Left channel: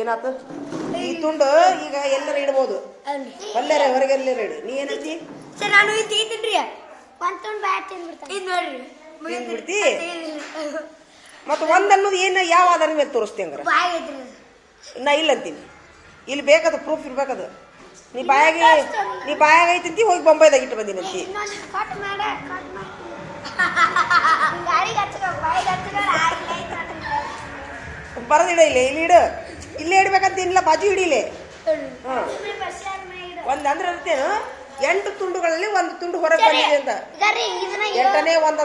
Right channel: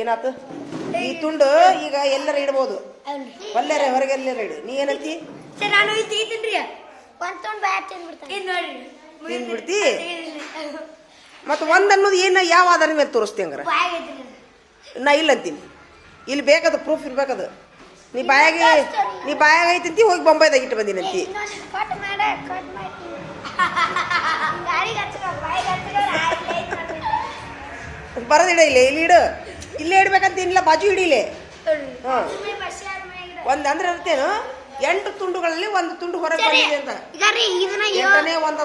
ಏನಾತು? ಈ ತುಂಡು ಈಗ ಎಲ್ಲರ ಇಡ್ಬೋದು. ಹೊಲ್ಲರೆ ಹೊರಗೆಲ್ಲರ ಇಡಿ. ನೀ ಏನಂತಿ ಸರ್ ನಾನು ಇದು ಒಂದು ತೊಗೊಂಡು ಬ್ಯಾಟ್ ತಿಂದ್ಬಿಡ್ತಾನೆ ಇದು ನೋಡ್ರಿ. ತಿಂದ್ಬಿಡ್ತಿ? ಮತ್ತೆ ಒಂದ್ ಅನ್ನೋದು ಏನು ಯಾವ ಅದನ್ನ ಮೇಲೆ ತೋರಿಸ್ತಿ ಹಂಗಾರ? ನಾ ಇಲ್ಲ ಅಂತೀನಿ. ಇಲ್ಲಿ ಬೇಕದ ಪ್ರೂಫ್ ಇರ್ಬೇಕದು. ನೀ ಬಾಯಾಗಿ ನೀ ಬಾಯಾಗ ಐತಂತಿ ಹೋಗಿ ಬೊಂಬೈದಾಗ ಇಟ್ಟು ಬಂದಿನಂತಿ ಬರದಿಡ ಇಲ್ಲ ಇಲ್ಲಿ ಇಡು. ಇಲ್ಲೇ ಇಡ್ಬೇಕಂತ ಇಲ್ಲ ಬಾಜು ಹಿಡಿಲೆ. ಒಂದ್ ಅಂದ್ರೆ ಇರ್ತೇನು ಎಂಟು ತುಂಡುಗಳಲ್ಲಿ ಒಂದು ತುಂಡು ಹೊರಗೆ ಬಂದಿದೆ ಅಂತ. ಎಂಟನೇ ಒಂದ್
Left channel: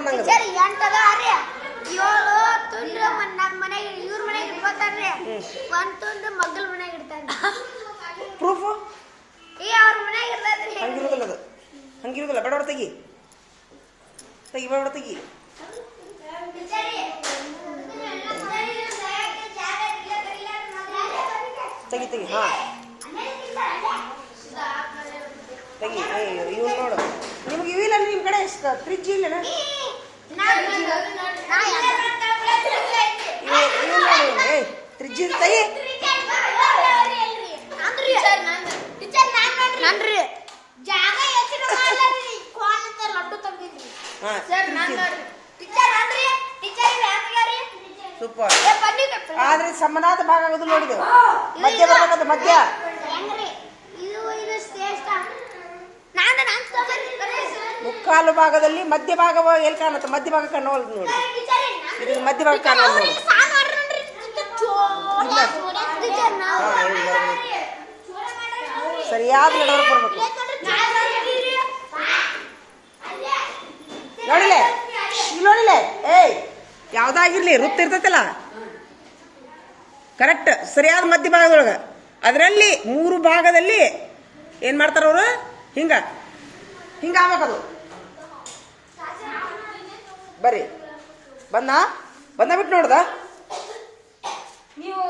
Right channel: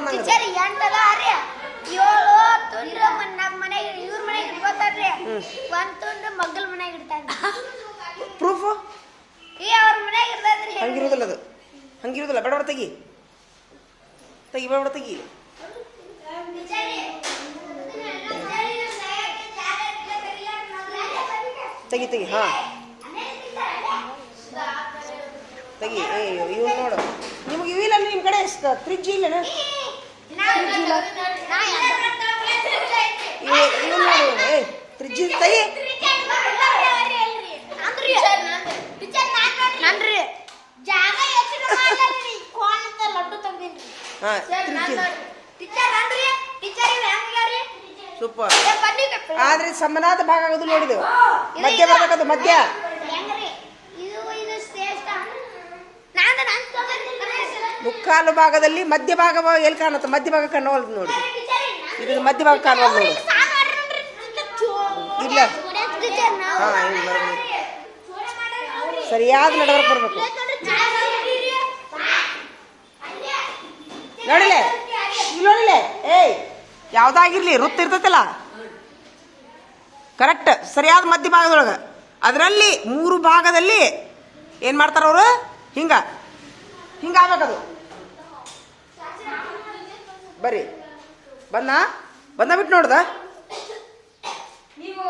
ಏಳು ತುಂಡು ನಮ್ಮ ಮನೆಗೆ ಇವ್ರ ಮನೆಗೆ ಇಟ್ಕೋತಾರ್ರಿ ಒಂದು ತುಂಡು ಮಗ್ಗಲ್ ಮನೆಗೆ ಇಡ್ತಾರ ಪ್ರೂಫ್ ಈ ಅವ್ರ ಮನೆಗೆ ಇರ್ತದ್ರಿ ಹಂಗಿರುದಿಲ್ಲ ಅದು. ಹಂಗಿರುದಿಲ್ಲ. ಬೇಡ ತೆಗಿ. ತೆಗಿ ಬೇಡ ತೆಗಿ. ತೆಗಿ ತೆಗಿ ಹಾ. ತೆಗಿ ಇವ್ ನೋಡು. ನಿಮ್ಗೆ ಇವಿಲ್ಲ ನಿಮ್ಮ ಕಡೆ ಫ್ರಿಜ್ ಇಲ್ಲನ ಇವ್ ನೋಡಿ ಏ ಫ್ರಿಜ್ ತೆಗಿ. ನನ್ರಿ. ಜಾಗ ಅಂತ ಲಡ್ಡು ತಂದಿನ್ರಿ ಹಾ ಸರ್ ನಾನು ನೋಡ್ರಿ. ಟೀಚರ್ ಅಂದ್ರಿ ಟೀಚರ್ ಇವ್ ಹೆಂಗಾರಿ ಸೂಪರ್ ಆದ್ರೆ ಸಮನಾದ ಭಾಗ ಆಗೋದು ನೋಡಿದೆವು ಮಧ್ಯ ಬರ್ಬೇಕದು ಮಧ್ಯ. ಹೆಂಗ್ರಿ? ಇದು ಇದು ಶ್ರೇಷ್ಠ. ನಾನು ನಾನು ತಗೊಂಡಿದ್ದೆ ಮುಕ್ಕಾಲು ಭಾಗದಲ್ಲಿ ಮಧ್ಯ ಭಾಗ ಎಲ್ಲಿ ಕಾಣುತ್ತೆ? ಮಧ್ಯ ಭಾಗ ಕಾಣವಲ್ದು ನೋಡಿ. ಇದು ಮಧ್ಯ ಭಾಗ ಕಾಣೋಲ್ ನೋಡಿ. ಇಲ್ಲ. ಸರಿಯಾದ ನಡವರ್ಕ್ ಬರ್ಬೇಕು. ನೋಡಿಲೆ? ನೋಡಿಲೆ? ಏಯ್. ಯಾವ್ದಾಗಿರ್ಲಿ ರುತ್ ಇರ್ತೈತಲ್ಲ? ಕರೆಕ್ಟ್ ಸರಿಯಾದ ಮಧ್ಯ ಭಾಗದೊಳಗೆ. ಅದರಲ್ಲಿ ಮೂರು ಭಾಗದಲ್ಲಿ ಏನು ಮಾಡ್ತಾರೆ ಅವರು? ಹಿಂಗ. ಹಿಂಗ ಆಗ್ಬೇಕದು. ಬರ್ರಿ ಬಂದ? ಬಂದ ಬಿಟ್ಟು ನೋಡ್ದ? ನೀವು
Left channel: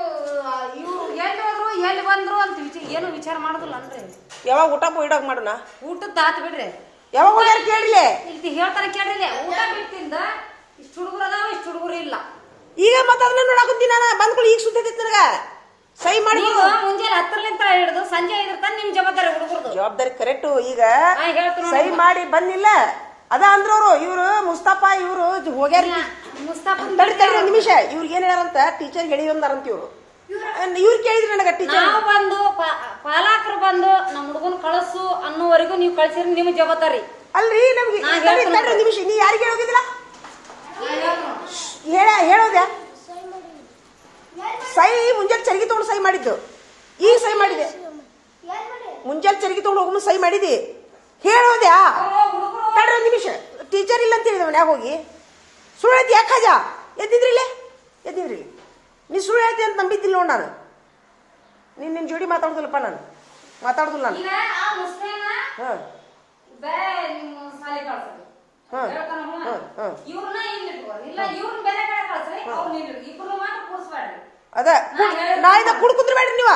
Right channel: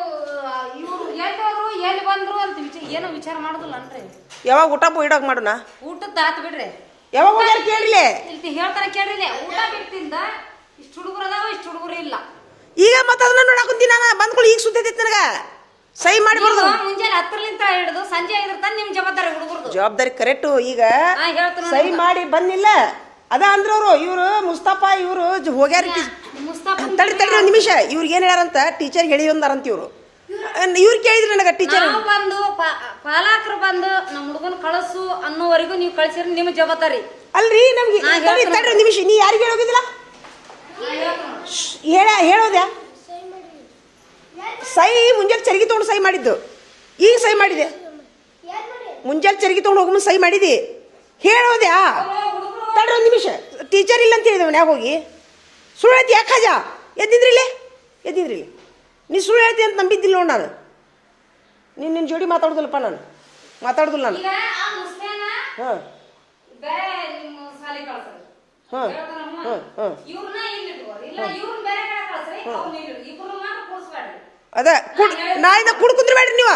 ಇವರು ಎಲ್ಲಿ ಹೋದ್ರು ಎಲ್ಲಿ ಬಂದ್ರು ಅಂತ ಏನು ವಿಚಾರ ಮಾಡುದಿಲ್ಲ ಅನ್ರಿ. ಯಾವಾಗ ಊಟ ಇಡೋಕೆ ಮಾಡೋಣ ಊಟದ ಆತ್ ಬಿಡ್ರಿ. ಯಾವಾಗ ಕೇಳಿಲ್ಲ ಹೇಳ್ತಾರ ಕೇಳಿಲ್ಲ ಊಟ ಬಿಟ್ಟಿಂದ ಇಷ್ಟು ಹುಡುಗರು ಅದಾವ ಇಷ್ಟು ಹುಡುಗರು ಇಲ್ಲ. ಈಗ ಮತ್ತ ಅದನ್ನ ನೋಡಾಕುಂತೀನಿ ನಾನು ಬಂದ್ಕೊಳ್ಳಿ ಈಗ ಸುದ್ದಿ ಐತಿ ನನಗ. ಸಹಿ ಮಾಡಿ ನೀವು ಮುಂಜಾನೆ ಹತ್ತರಲಿಂತ ಹಿಡಿದು ಸಂಜೆ ಆಗಿರ್ತಾನೆ ನಿಮ್ ಜವಾಬ್ದಾರಿ ಹುಡುಗರು ಜವಾಬ್ದಾರಿ ಕರೆಕ್ಟ್ ಈಗ. ಸಹಿ ಮಾಡಿ ಬಂದಿಲ್ಲ. ಅದ ಅಂದ್ರ ಅವರು ಇವ್ರು ಮುಸ್ತಫಾ ಇವ್ರು ಹೋಗ್ಯಾರ ಮುಸ್ತಾಫ್ ತಡಿ ತಡಿ ಒಂದ್ ನಿಮಿಷ. ಇವ್ರಿಗೆ ಏನ್ ಹೇಳ್ಯಾರಂತ? ಟೀಚರ್ ಹೇಳಿ ಅಂದಾರಂತ ಇವ್ರು ಇವ್ರು ಕೇಳಿದ್ರಿ ನನಗ ಟೀಚರ್ ಬಂದು ಪಾಲಕರು ಬಂದು ನಮ್ಮ ಹುಡುಗನ್ ಕಳಸು ಅನ್ನೋವರೆಗೂ ನೀವು ಕಳ್ಸಿರಿ ನಿಮ್ಮ ಜವಾಬ್ದಾರಿ. ಅಲ್ರಿ ನಮ್ಗೆ ನಾ ತಡಿ ತಡಿ ನಿಮಿಷ. ನೀ ಯಾರಿಗೆ ಹೇಳೋಗಿದ್ದಿಲ್ಲ ಹೇಳ ಹೇಳೋದೆ? ಸೈ ಮುಂಜಾನೆ ಚರಿಗೆ ತೊಗೊಂಡು ಸೈ ಮಾಡಿದ್ದು. ಈಗ ಸೈ ಮಾಡಿದೆ. ಮುಂಜಾನೆ ಚರಿಗೆ ತೊಗೊಂಡು ಹೋಗಮ್ಮ ಸೈ ಮಾಡಿದಿ. ಹೇಳೋದ್ಯಾ ತಡ್ರ ಒಂದು ನಿಮಿಷ. ಟೀಚರ್ ಇಲ್ಲ ಅಂತ ಹೇಳಿದ ಮನ್ಯಾಗ ಹೋಗಿ? ಸುಳ್ಳು ಹೇಳ್ತಿ ಯಾಕೆ ಎದ್ದಿದ್ರಿ ಎದ್ದಿದ್ರಿಲ್ಲೇ? ಎದ್ದಿದ್ರಿಲ್ಲ. ನೀ ಸುಳ್ಳು ಹೇಳ್ತಿ ಅಂತ ನಂಬಿದ್ದಿಲ್ಲ ನೋಡಿ ನಾನು. ನೀನು ನಿನ್ನ ಜೋಡಿ ಮಾತಾಡೋದಿಲ್ಲಪ್ಪ ನಾನು. ಮಾತಾಡೋದಿಲ್ಲ ನಾನು. ಹ್ಞೂ ಹೇಳ್ತಾನ. ಇವ್ರನ್ನ ಇಲ್ಲಿ ಇಲ್ಲ ಇವ್ರನ್ನ ಬೇರೆ ಕಡೆ ಕಳ್ಸ್ರಿ ಅವ್ರನ್ನ ಇಲ್ಲಿ ಇಬ್ರು ಮಾತ್ರ ಅದ ನಾಳಿನ ಕುಡ್ ಕುಂದ್ರಬೇಡ್ರಿ ನೀವು.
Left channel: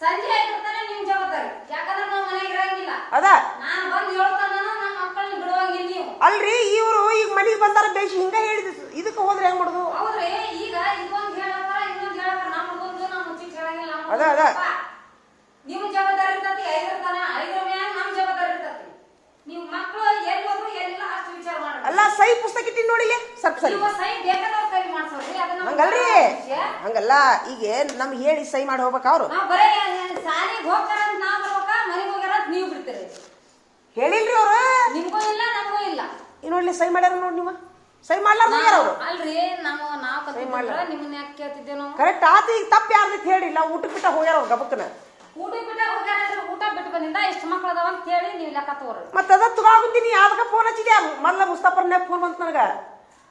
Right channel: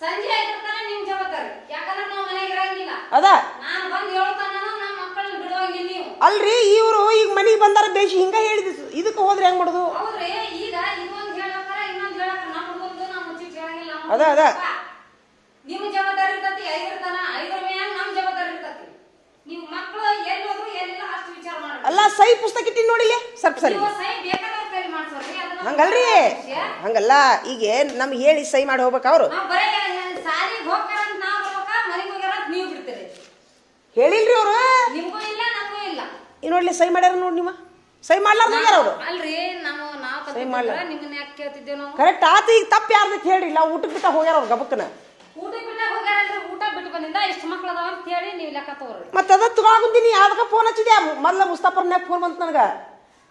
ಸಂಜೆ ಆಗಿರ್ತಾನೆ ನಿಮ್ ಜವಾಬ್ದಾರಿ. ಯಾಕಂದ್ರೆ ನಾವು ಮನೆಗೆ ಇರಂಗಿಲ್ಲ. ಅದ. ನಾನು ಬಂದು ಹೇಳ್ತಾನ ನಮ್ಮ ಮಕ್ಕಳನ್ನ ಬಿಡುವಂಗಿಲ್ಲ ನೀವು. ಅಲ್ರಿ ಇವರು ಈಗ ಮನೆಗೆ ಬಂದಾರ ಬೇಸಿ ಹಿಂಗ ಹೇಳಿದ ಇದಕ್ಕೆ ಹೋದ್ರೆ ಹೆಂಗ್ ಮಾಡೋದು? ಹೌದ್ರಿ ಈಗ ಇದೊಂದ್ ಹೇಳಕ್ಕಾರ ಇನ್ನೊಂದ್ ಹೇಳಕ್ಕಾರ. ನಮ್ಮ ಹುಡುಗಂದು ನಮ್ಮ ಮುಚ್ಚಿಟ್ ಹೇಳಂಗಿಲ್ಲ. ಅದ, ಅದ. ಹುಡುಗಂದು ಪಾಪ. ನಿಮ್ ಜವಾಬ್ದಾರಿ ಇರ್ತತಿ ಐದರ್ತಾನ ಐದರ ಮ್ಯಾಲ ನಮ್ ಜವಾಬ್ದಾರಿ ಇರ್ತತಿ ನೀವು ಮಕ್ಕಳು ಎಲ್ಲಿ ಹೋದ್ರು ಎಲ್ಲಿಲ್ಲ ಅಷ್ಟು ವಿಚಾರ ಸಹಿ ಪುಸ್ತಕ ಇಟ್ಟಿನ ನೋಡಿಲಿ ಸ್ವಲ್ಪ ಸರಿ. ಹಂಗಲ್ರಿ? ಹಂಗಲ್ಲ ಈಗ ನಮ್ಗೆ ಹೇಳಿ ಸಹಿ ಮಾಡಿ ಹೋಗ್ಬೇಕು ಅವರು. ಹೇಳಿಲ್ರಿ ಅವರು. ಈ ನೋಡ್ಲಿ ಸಹಿ ಮಾಡ್ಯಾರ ನೋಡಿ ನಿಮ್ಮ ಸಹಿ ಮಾಡ್ಲಾರ ಹೋಗ್ಯಾರ ಅವ್ರು. ಅಲ್ರಿ ನಾವು ನಾವ್ ತಪ್ಪಿದ್ರೆ ನಿಮ್ಮನ್ನ ಯಾಕೆ ಕೇಳ್ತಿದ್ದೇವೆ ನಾವು? ಕರೆಕ್ಟ್ ಆತ ಈಗ ತಪ್ಪು ಯಾರ್ದು ಹೇಳಿಲ್ಲ ಊಟಕ್ಕೆ ಬಿಟ್ಟ ಹೋಗ್ಯಾರ ಅವ್ರು ಗಬಕ್ಕನ ಊಟ ಬಿಟ್ಟ ಹೋಗ್ಯಾರ ಬಿಟ್ಟು ಬಂದಿಂದ ಇಷ್ಟು ಮಕ್ಳು ಅದಾವ ಅಂತ ಹೇಳಿ ನೀವು ಲೆಕ್ಕ ತಗೋರಿ. ಮತ್ತೆ ಅದ ತಗೊಂಡಿನಿ ಯಾವ್ದಕ್ಕ ಫೋನ್ ಹಚ್ಚಿದೆ ಮೊದ್ಲ ಮುಸ್ತಾಫರ್ನ್ಯಾಗ ಫೋನ್ ಬಂತು ನನಗ.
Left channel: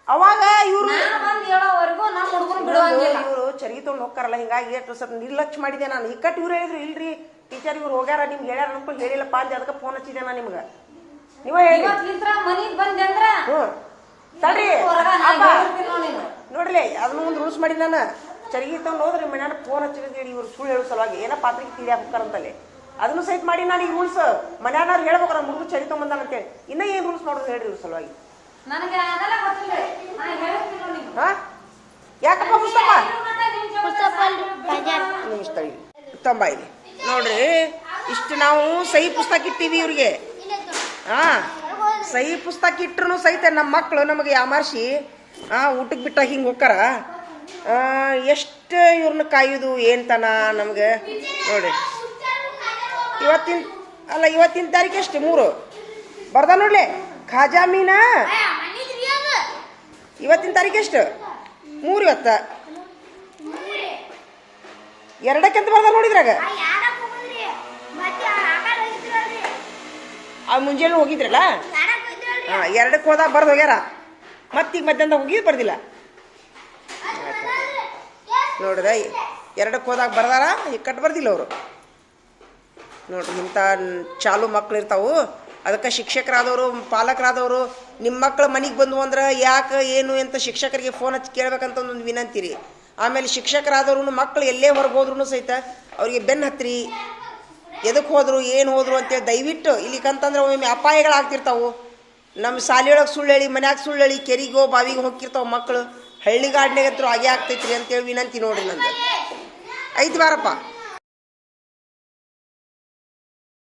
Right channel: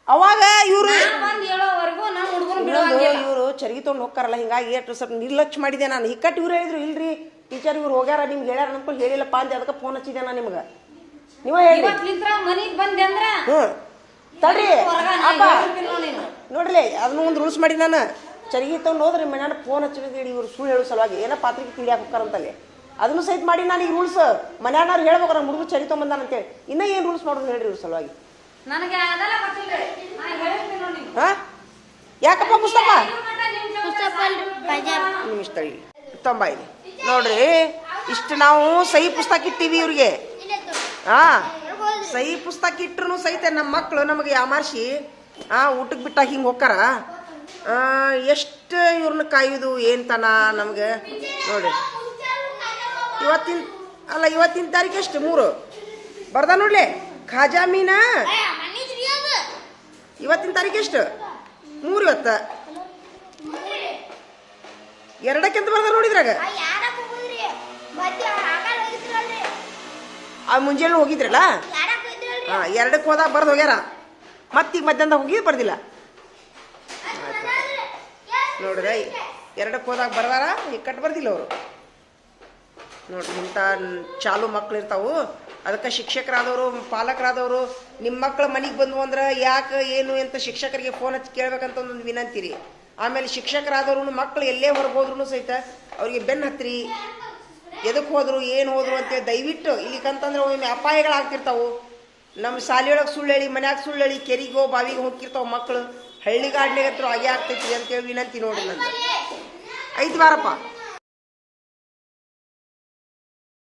ಅವಾಗ ಇವ್ರು ಬಂದು ಹೇಳೋವರೆಗೂ ನಮ್ಮ ಹುಡುಗರು ಬಿಡುವಂಗಿಲ್ಲ ಇವರು ಚರಿಗೆ ತೊಗೊಂಡು ಹೋಗ್ತಾರಲ್ಲ ಹಿಂಗಾಗಿ ಎಷ್ಟು ಸ್ವಲ್ಪ ನಿರ್ಲಕ್ಷ್ಯ ಮಾಡಿದೆ ನಾನು. ಇಕ್ಕಟ್ಟು ಇವ್ರು ಹೇಳಿದ್ರು ಇಲ್ರಿ ಟೀಚರ್ ಇವ್ರು ಹೋಗ್ಯಾರ ನಿಮ್ಗೆ ಹೇಳ್ಯಾರ ಅನ್ಕೊಂಡು ಹೇಳಿಲ್ಲಪ್ಪ ಅಂತ ಅದಕ್ಕೆ ಫೋನ್ ಹಚ್ಚಿದೆ ನಾನು ನಿಮ್ಗೆ? ನೀವು ಹೇಳಿ. ಮನೆಗೆ ಬಂದೆ ಅಂದ್ರೆ ಹ್ಞೂ ತಡ್ರಿ. ನೋಡ್ರಿ ಅದನ್ನ ಒಂದು ರೂಲ್ಸ್ ಮಾಡಿ ನಾನು. ಚರಿಗೆ ತಗೊಂಡು ಹೋದ್ರೆ ಮನ್ಯಾನ ಫೋನ್ ಹಚ್ಚಿದ್ರೆ ಇವ್ರು ಸುಳ್ಳು ಹೇಳೋ ಸಲುವಾಗಿ. ಏನೋ ಪಾತ್ರೆಗೆ ತಿಳಿ ಹಾಕ್ತಾರಂತಲ್ಲಿ ಅದನ್ನು ಸಹಿತ ಮಾಡಿ ನಾನು ಈಗ ರೂಲ್ಸ್ ಮನೆಯವ್ರು ಹೇಳ್ಬೇಕು ನಮ್ಮ ಹುಡುಗ ಚಳಿ ತೊಗೊಂಬಂದಾನ ಅಂತೇಳಿ. ಇನ್ನೂ ಏನು ರೂಲ್ಸ್ ಮಾಡೋದು ಹೇಳ್ರಿ ಇವ್ರ ಸಲುವಾಗಿ? ನನಗೆ ಅದೆಲ್ಲ ಗೊತ್ತಿಲ್ರಿ ನಾ ಹೇಳ್ತೀನಿ ನೋಡಿ ಹಾಂ? ಯಾಕಪ್ಪ ಪುಸ್ತಕ ನಿಮಿಷ ತೊಂಬೈಲಿ ನೋಡ್ರಿ ಇಷ್ಟು ನಾವು ಸಹಿ ಪುಸ್ತಕ ಇಟ್ಟಿವಿ ಇವ್ರಿಗೆ. ಹಾ? ಸಹಿ ಪುಸ್ತಕ ಇಟ್ರು ಸಹಿತ ನಮ್ಮ ಮಕ್ಕಳು ನಮಗೆ ಯಾಮಾರ್ಸಿ ಆ ಊಟಕ್ಕೆ ಬಿಟ್ಟಾಗ ಹಿಂಗೆ ಹೋಗ್ತಾರ ಎಷ್ಟು ಇವ್ರನ್ನ ಕಾಯೋದು ಏನ್ತನ ನಮ್ಗೆ? ನೋಡ್ರಿ. ಇವತ್ತಿನ ಅಲ್ಲ ಇವತ್ತಿನ ತಾರೀಕು ಎಷ್ಟು? ಮೂರು. ಬರ್ದ ನೋಡ್ಲಿ? ಖಾಜಾ ಮೀನಾ? ಇವತ್ತಿನ ತಾರೀಕು ಎಷ್ಟು? ಮೂರು ಇವತ್ತ. ಎರಡಕ್ಕೆಂತ ಬರ್ದ ನೋಡಿದ್ರಾಗ ಆ ಮುಂಜಾನೆ ಹೋಗಿದ್ರಲ್ಲ? ಹಾ ಎರಡಕ್ಕೆ ಹೋದಾಗ ಬರ್ದು ಹೋಗ್ಯಾರ. ಮತ್ತೀಗ ಮಧ್ಯಾಹ್ನ ಹೋಗಿ ಬರ್ದಿಲ್ಲ. ನೋಡ್ರಿ ಎರಡಕ್ಕೆ ಹೋದಾಗ ಬರ್ದಾರ ಈಗ ಕಟ್ ಬರ್ದಿಲ್ಲ ಅವರು. ನೋಡ್ರಿ ಇಂಥ ಚಾಲು ಮಕ್ಳು ಇರ್ತಾವು. ಅದಕ್ಕೆ ಶಿಕ್ಷಕರಾದವರು, ಪಾಲಕರಾದವರು ನಿಮ್ಮ ಮಕ್ಕಳು ಮನೆಗೆ ಬಂದು ಅಂದ್ರೆ ಯಾಕೆ, ಏನು ಅಂತ ಶಿಕ್ಷಕರಿಗೆ ಫೋನ್ ಹಚ್ಚಿ ಕೇಳ್ಬೇಕಂತ ಒಂದು ವಿನಂತಿ ರೀ ಆಮೇಲೆ ಶಿಕ್ಷಕರಾದವ್ರು ಮಕ್ಕಳು ಎಲ್ಲೇ ಹೊರಗೆ ಸಹಿತ ಅವರಿಗೆ ಬೆನ್ನು ಹತ್ತಿರಿ ಎದಕ್ಕೆ ಹೋದರು, ಏನು ಹೋದರು ಅಂತೇಳಿ ದಯವಿಟ್ಟು ಇಲ್ಲಿಕಂತಂದ್ರೆ ಒಮ್ಮೆ ಅಪಾಯಗಳಾಗ್ತಿರ್ತಾವು. ನಮ್ಮ ಶಾಲೆಯೊಳಗೆ ಸುಳ್ಳು ಹೇಳಿ, ಮನ್ಯಾಗ ಸುಳ್ಳು ಹೇಳಿ, ಕೆರಿಗೋ ಬಾವಿಗೆ ಹೋಗಿರ್ತಾವ ಮಕ್ಕಳು ಹಳ್ಳಿಗಾಡ್ನಾಗ ಹತ್ರ ಹಾಗೆ ಆಗ್ತೈತ್ರಿ ಅಂತೇಳಿ ವಿನಂತಿ ನೋಡ್ರಿ ನಂದು. ಐದು ಬಾರಪ್ಪ